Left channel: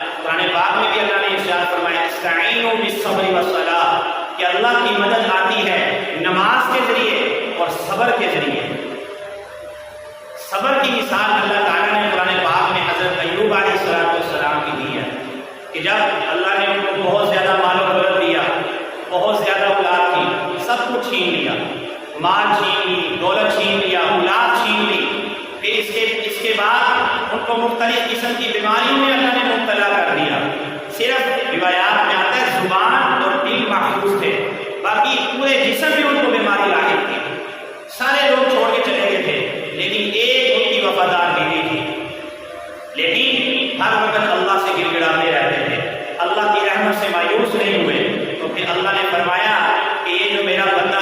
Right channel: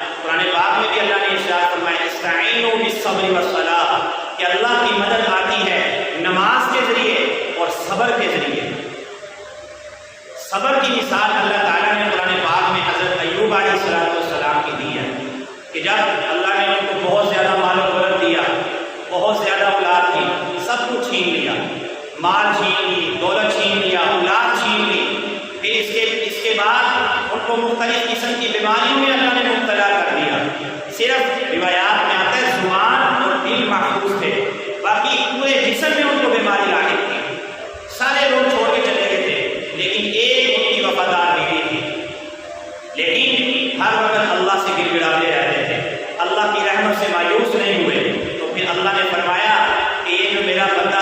قرآن پاک میں بھی اللہ نے ارشاد فرمایا استعینوا بالصبر والصلاۃ، کہ اللہ کی مدد آتی ہے نماز کے ذریعے اور صبر کے ذریعے۔ صبر کی مثال اللہ تعالیٰ نے قرآن پاک میں حضرت ایوب علیہ السلام کی دی ہے کہ جب اللہ نے ان کو بہت زیادہ مال و دولت دیا، بہت زیادہ اولاد تھی، سب کچھ چھین لیا، مال چھین لی، دولت چھین لیا، اولاد چھین لی، پھر اس کے بعد ان کو مختلف قسم کی بیماریوں میں اللہ نے مبتلا کر دیا۔ صرف روایات میں آتا ہے زبان اور دل محفوظ تھے، باقی پورے جسم میں ان کو بیماری لاحق تھی، سارے لوگ چھوڑ کے چلے گئے تھے، لیکن ایک ان کی وفادار بیوی تھی، لیکن ہر وقت اللہ سے گر گڑاتے رہتے تھے، اللہ کی رحمت سے مایوس نہیں ہوئے۔ تو پھر اللہ نے فرمایا کہ یہ جو میرا بندہ